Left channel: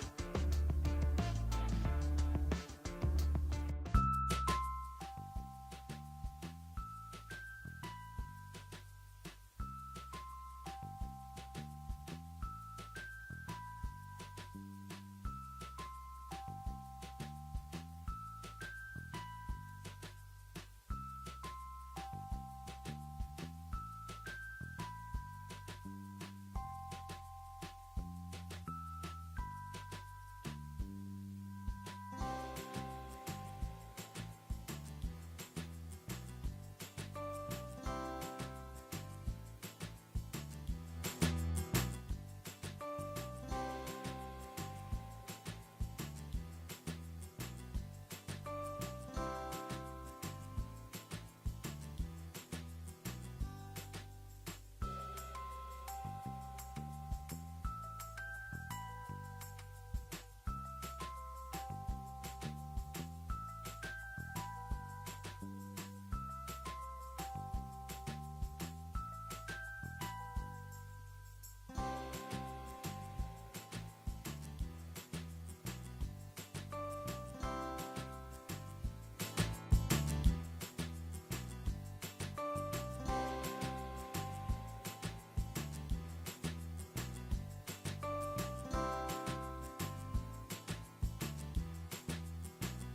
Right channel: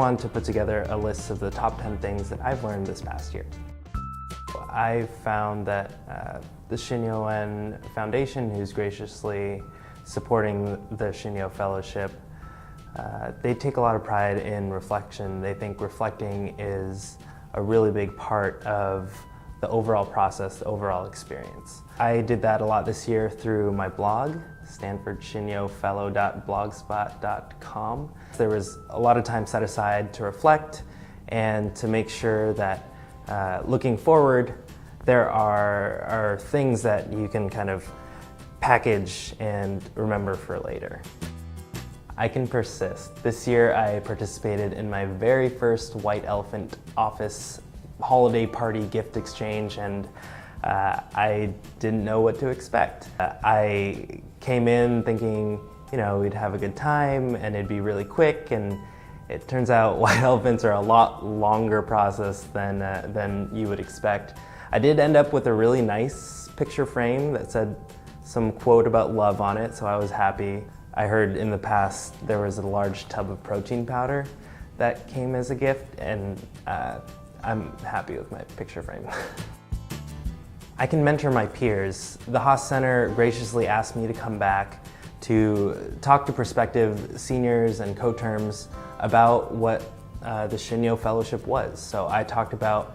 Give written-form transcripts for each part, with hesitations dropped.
wanted to put together a list of the top 10 things that I've learned this past year. I found that the Shinnyo Foundation, who's graciously supporting the Shinnyo Fellowship, they take a lot of pride in reflection. They think reflecting is a really big part of the overall process, the overall experience. I did that a lot this year through my blog, stanfordshinnyofellow.blogspot.com. There was a lot of time set aside to reflect and to make sure that looking forward, there are things that you can kind of package and remember for later. I can persist. This year I participated in my very first White Elephant office holiday party gift exchange, and I didn't know what to expect. I came in thinking, we'd have a good time and it'd be really quick, and it turns out White Elephants are a lot longer process than you would expect. I did end up with a really nice picture frame that said some quote about love on it, so I was happy. I heard in the past there was a large tub of protein powder that came as a gift, and I'm happy with my picture frame. I can mentor my peers. The Haas Center graciously asked me to come back to talk to prospective seniors and co-terms about what the Shinnyo Fellowship was. So I talked about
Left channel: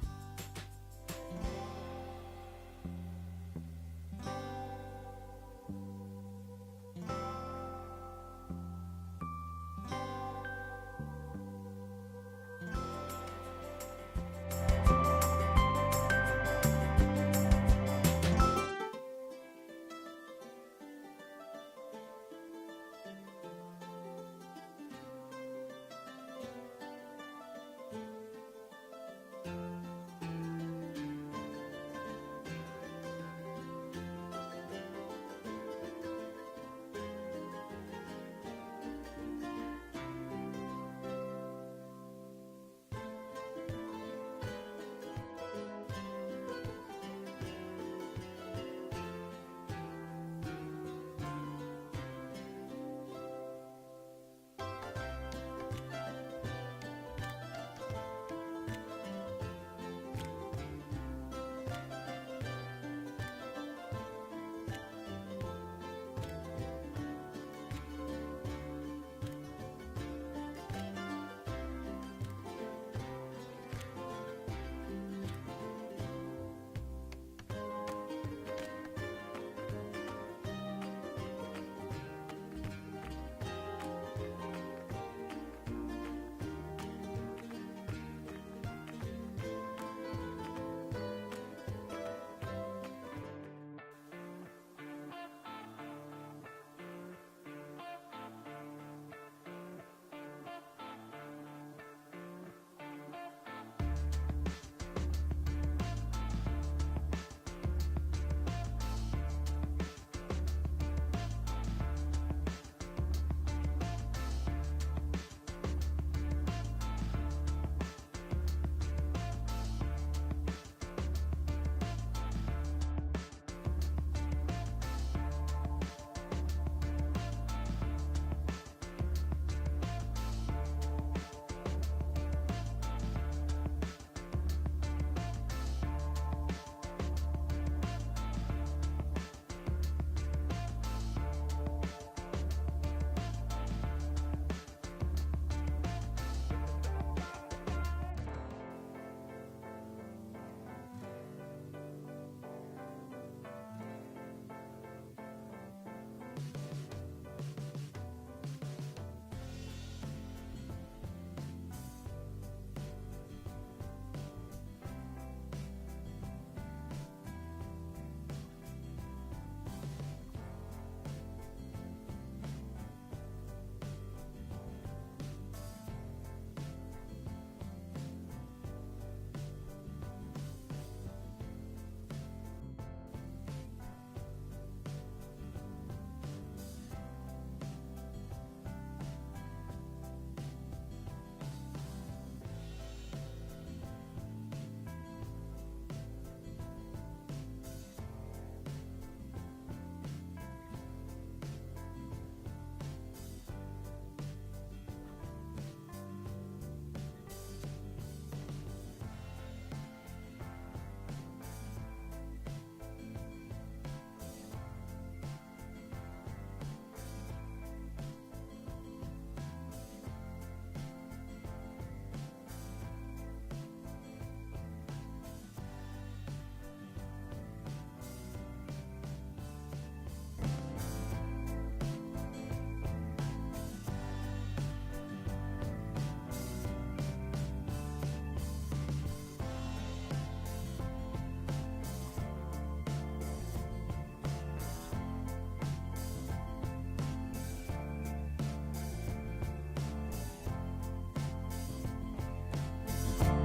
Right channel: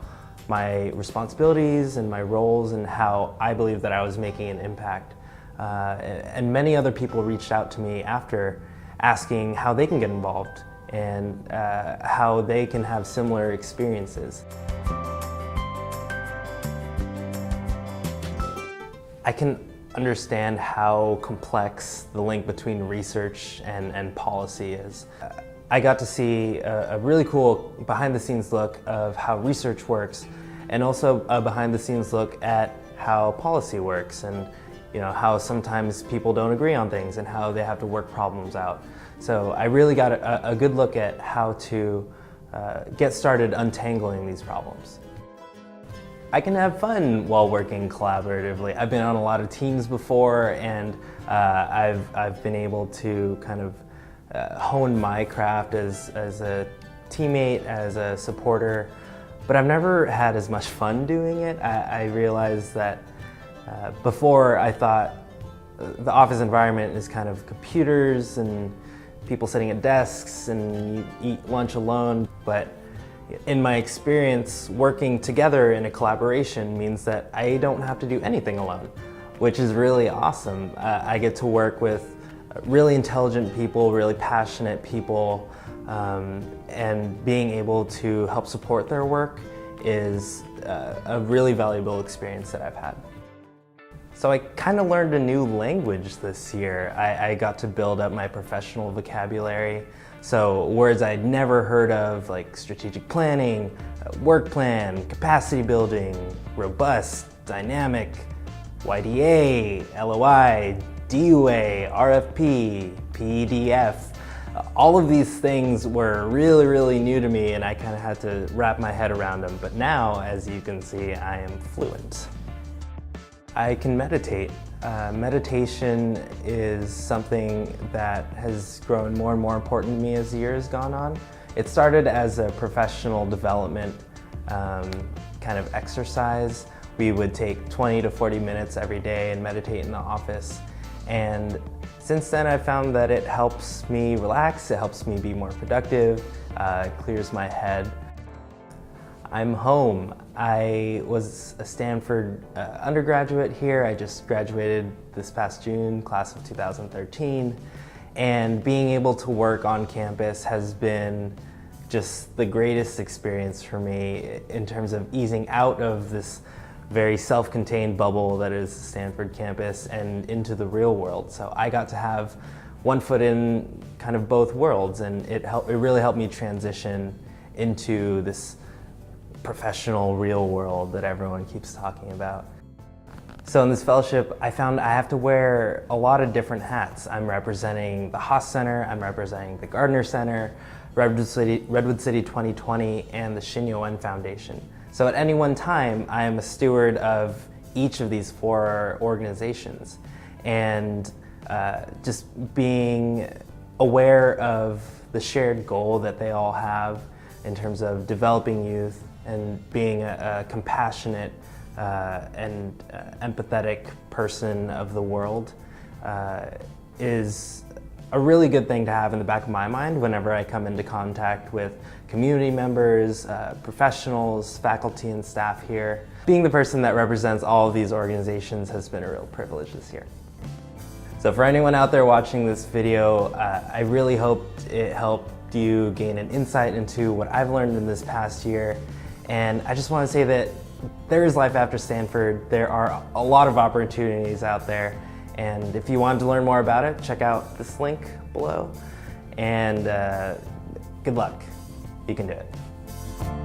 my responsibilities and my roles and how I believe that I was making an impact. And many other people reached out to me after asking how they can get involved and how they can have similar experiences. I can understand how complex the link between research and policy is. I got to see a really cool behind-the-scenes look of how research works, and also a behind-the-scenes look at how policy works, and how sometimes people don't agree on things and how they have to work problems out. So I really got a good look at how to get started untangling these problems. I can have fun while working collaboratively. I've been on a lot of teams before, and I've been able to kind of hone my craft as a teammate, as a supporter, but I've never had as much fun doing it. I realized that before I thought the office environment is kind of computers and people sitting at desks and you eat lunch alone, but in my experience, working together in a collaboration means that I don't have to do anything alone, which is really awesome. I get to work with really intelligent people, really passionate people, and being able to help support their work is a really valuable experience that I've had. So I kind of learned a new language this year. I got to build up my professional vocabulary. So words I'd never heard of, like strategic planning, work plan, capacity building, robust, dynamic, YDA, LOI, DUA, RFP, PDF. All of these things were really, really new to me, and I kind of had to wrap my head around them. But now, as you can see, I am fluent. I can meditate. Meditation is something that has grown more and more important to me as the year has gone on. It started as a professional development kind of exercise. We would take 20 to 40 minutes every day and meditate in the office. And since then, I've found that it helps me relax, it helps me be more productive, it clears my head. I'm home. I was a Stanford undergraduate here. I just graduated this past June, class of 2013. And being able to work on campus has been just the greatest experience for me in terms of easing out of this very self-contained bubble that is the Stanford campus and into the real world. So I got to have one foot in kind of both worlds, and it really helped me transition into this professional real world that everyone keeps talking about. So in this fellowship, I found I have to wear a lot of different hats. I'm representing the Haas Center, I'm representing the Gardner Center, Redwood City 2020, and the Shinnyo Foundation. So at any one time, I am a steward of each of these four organizations. And just being aware of the shared goal that they all have in terms of developing youth and being a compassionate and empathetic person of the world is a really good thing to have in the back of my mind whenever I come into contact with community members, professionals, faculty and staff here. Being the person that represents all of these organizations has been a real privilege this year. So for anyone out there watching this video, I really hope it helped you gain an insight into what I've learned in this past year. And I just want to say that there is life after Stanford. There are a lot of opportunities out there. And if you wanted to learn more about it, check out this link below. And good luck. You can do it.